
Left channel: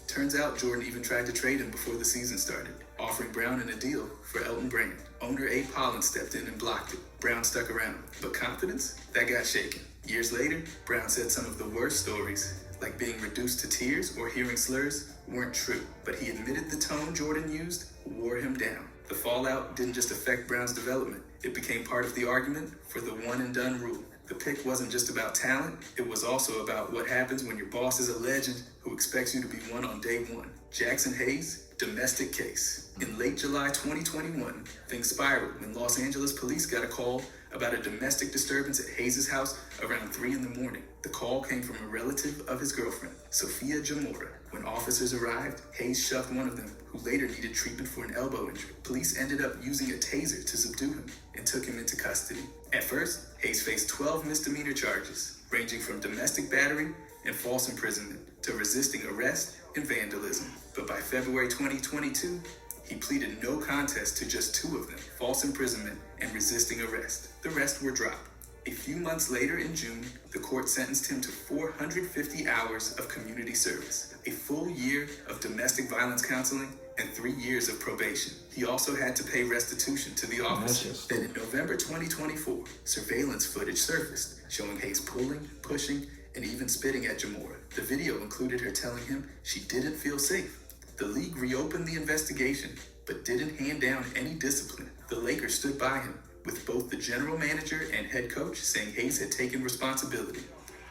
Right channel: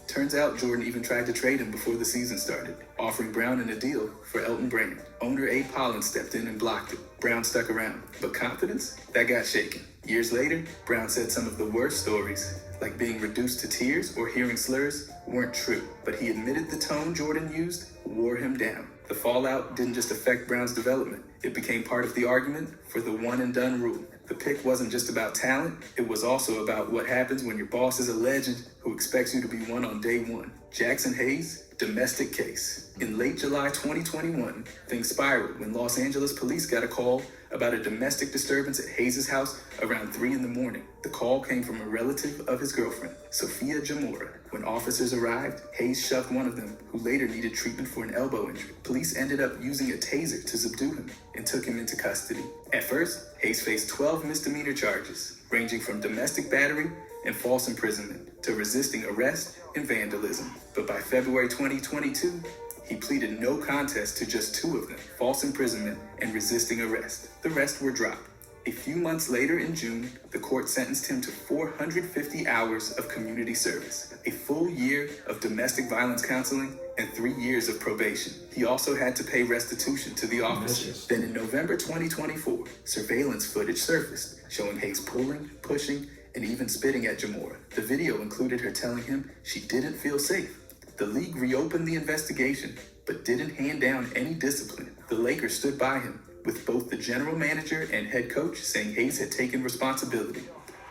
Turns out Jordan even tried to trade him before the season started, offering Brown in a deal for Elton Brand. Owner Abe Hollins stepped in and blocked it. Brown stuck around, but confidence, that got shaken. Years later, Brown said some of the worst stories, like being reduced to tears or hearing slurs, weren't true, but he admitted the tone Jordan used wore him down. The fallout didn't just affect Brown's development, it became part of the argument for the one and done rule. The pick wasn't just about talent, it was also about what happens when your boss is a legend who expects you to be one on day one. Jackson Hayes, domestic case. In late July 2021, things spiraled when Los Angeles police got a call about a domestic disturbance at Hayes' house around 3 in the morning. The call came from a relative of his girlfriend, Sophia Jamora. When officers arrived, Hayes shoved one of them, who later needed treatment for an elbow injury. Police ended up using a taser to subdue him and took him into custody. At first, Hayes faced 12 misdemeanor charges, ranging from domestic battery and false imprisonment to resisting arrest and vandalism. But by February 2022, he pleaded no contest to just 2 of them, false imprisonment and resisting arrest. The rest were dropped. A few months later in June, the court sentenced him to 450 hours of community service, a full year of domestic violence counseling, and 3 years of probation. He also had to pay restitution to the officers. Then in November 2024, surveillance footage surfaced, showing Hayes pulling, pushing, and even spitting at Jamora. The video included her telling him she didn't feel safe. The league reopened the investigation, but didn't hand down any discipline. The Lakers stood by him, with both the general manager and head coach saying Hayes had taken responsibility.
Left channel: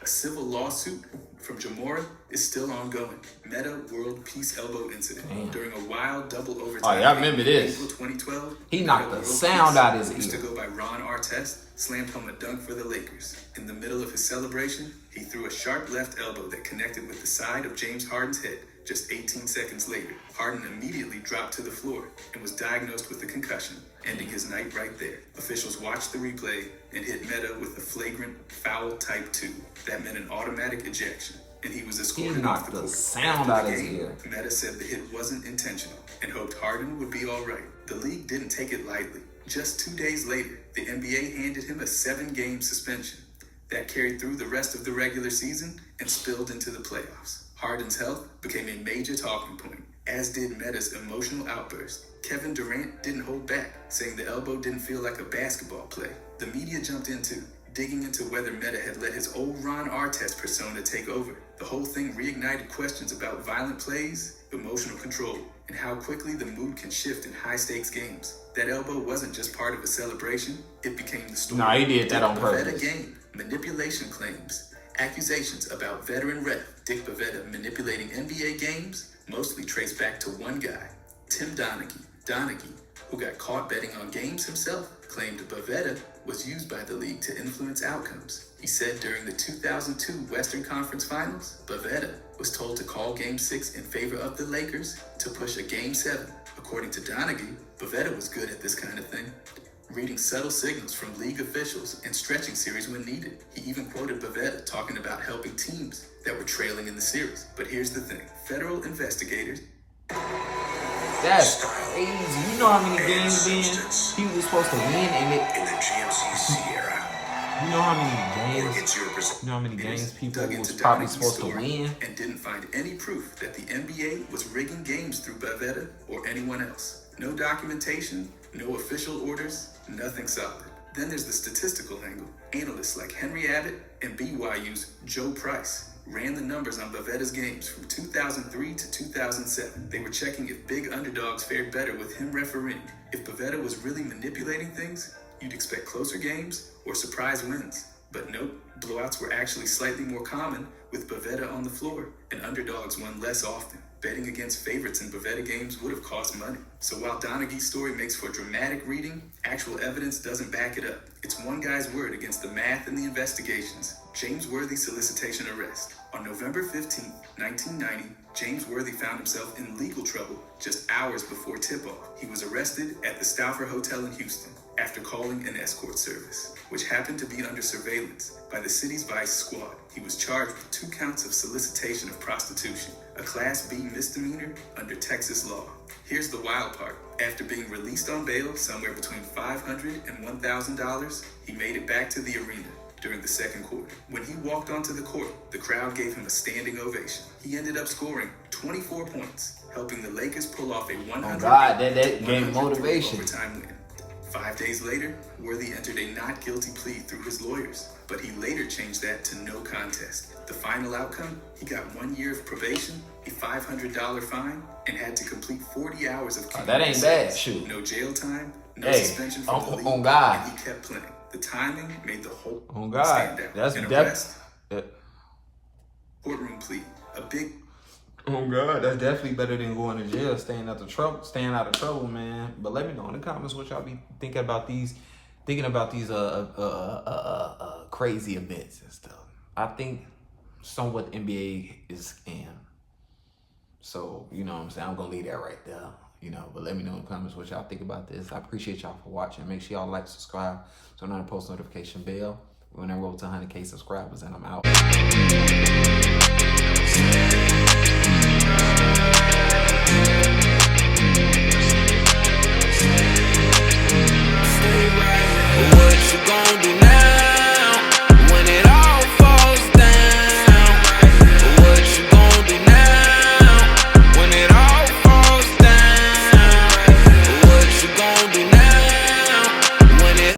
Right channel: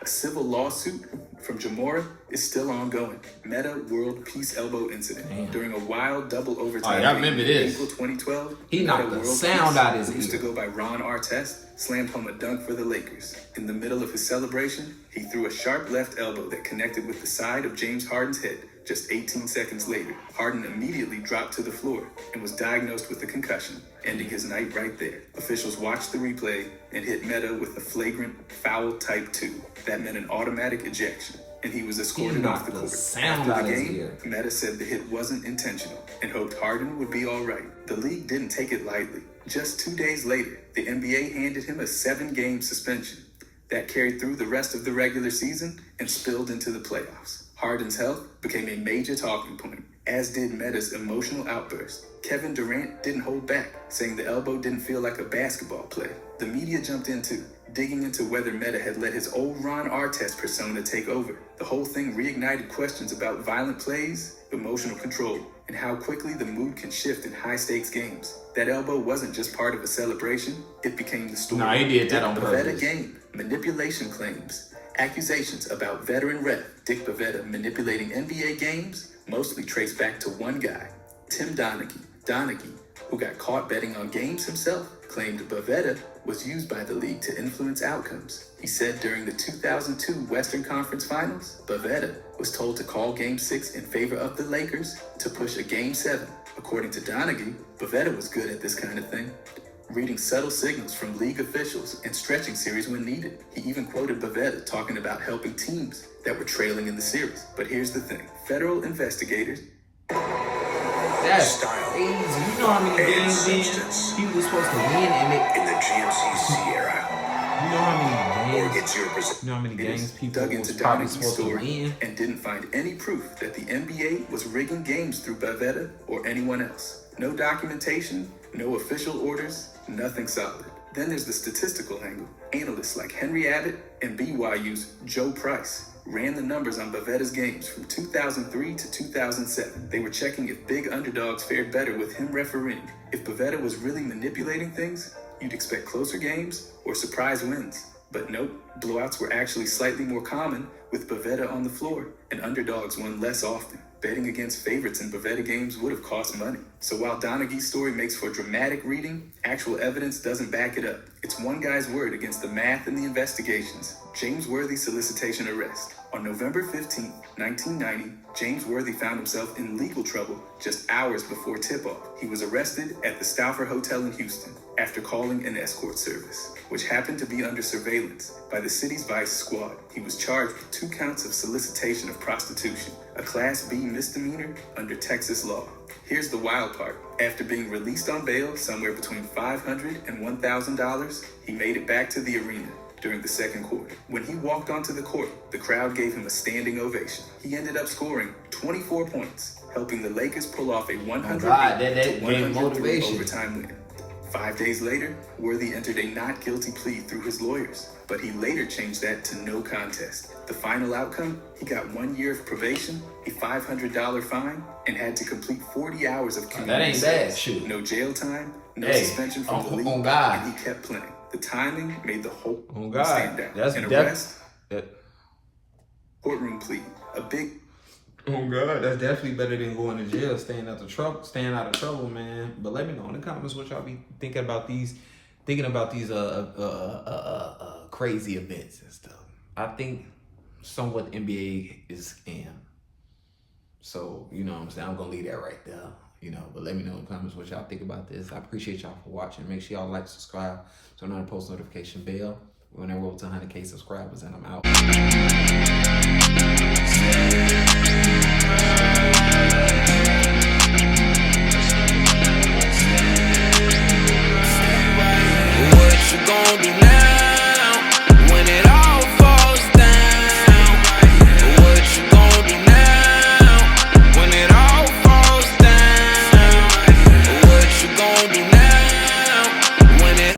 A civil lawsuit from Jamora is still ongoing. Meta World Peace Elbow incident during a wild double overtime. Oh, yeah, I remember this. April 2012. He knocked the sound out of his ear. Used to go by Ron Artest, slammed home a dunk for the Lakers. In the middle of his celebration, he threw a sharp left elbow that connected with the side of James Harden's head. Just 18 seconds later, Harden immediately dropped to the floor and was diagnosed with a concussion, ending his night right there. Officials watched the replay and hit Meta with a flagrant foul type 2. That meant an automatic ejection, and he was escorted off the court. Sound After out the his game, ear. Meta said the hit wasn't intentional and hoped Harden would be all right. The league didn't take it lightly. Just 2 days later, the NBA handed him a 7-game suspension. That carried through the rest of the regular season and spilled into the playoffs. Harden's health became a major talking point, as did Meta's emotional outburst. Kevin Durant didn't hold back, saying the elbow didn't feel like a basketball play. The media jumped in too, digging into whether Meta had let his old Ron Artest persona take over. The whole thing reignited questions about violent plays, emotional control, and how quickly the mood can shift in high-stakes games. That elbow wasn't just part of a celebration, it became the story. No, he did that on purpose. The Pavetta game, manipulation claims, accusations about veteran ref Dick Pavetta manipulating NBA games mostly traced back to one guy, Tim Donaghy. Donaghy, who got caught betting on games himself, claimed Pavetta was used by the league to influence outcomes. He said during the 2002 Western Conference Finals, Pavetta was told to call Game 6 in favor of the Lakers to push a Game 7. According to Donaghy, Pavetta was good at this kind of thing. reading subtle signals from league officials and stretching series when needed. He even quoted Bavetta talking about helping teams that were trailing in the series. But here's the thing, federal investigators... That's crazy. You know how many games he was supposed to win in the GMC Sierra. You know how many games people was probably supposed to win? And didn't find any proof that the NBA was rigging games through Bavetta or anyone else. No documentation, no official orders, nothing solid. Then there's the statistical angle. Analysts like Henry Abbott and BYU's Joe Price ran the numbers on Bavetta's games from 2003 to 2007. They were checking if big underdogs fared better with him refereeing. If Bavetta was really manipulating things, you'd expect closer games or surprise wins. But nope, blowouts were actually slightly more common with Bavetta on the floor, and underdogs won less often. Betting against favorites in Bavetta games would have cost money. So while Donaghy's story makes for dramatic reading, actual evidence doesn't back it up. It's one guy's word against the math and the investigations. James Worthy solicitation arrest. On November 15, 1990, James Worthy found himself in legal trouble just hours before tip-off. He was arrested at the Stauffer Hotel in Houston after calling an escort service, which happened to be under surveillance by the city's vice squad. He was charged with 2 counts of solicitation of prostitution, a Class B misdemeanor under Texas law. Here's the wild part. After being released on bail somewhere between $500 and $1,000, he made it back to the arena during the second quarter. When he walked onto the court, the crowd gave him a standing ovation. He ended up scoring 24 points, helping the Lakers pull off a 100-103 overtime win. 5 days later, Worthy entered a not guilty plea through his lawyers, but he later changed that to no contest. The final outcome, he got 1 year of probation, a $500 fine, and had to complete 40 hours of community that ain't bad, shoot. No jail time, no suspension from the league, God. and he kept playing. The timing made the whole stand out. That's An arrest, courtroom plea, a big... Oh God, that's definitely better than going to jail, staying out of trouble, man. But let me know in the comments what y'all be thinking about these crazy events and stuff. I think somewhat the NBA is a scam. So, you know what I'm saying? I'm gonna leave that right there. You know, but let me know in the comments what y'all think about this. I appreciate y'all for watching. Make sure y'all like, subscribe, turn on the post notification bell. We're gonna roll to 100K subscribers, and I'm out. What you gonna do now?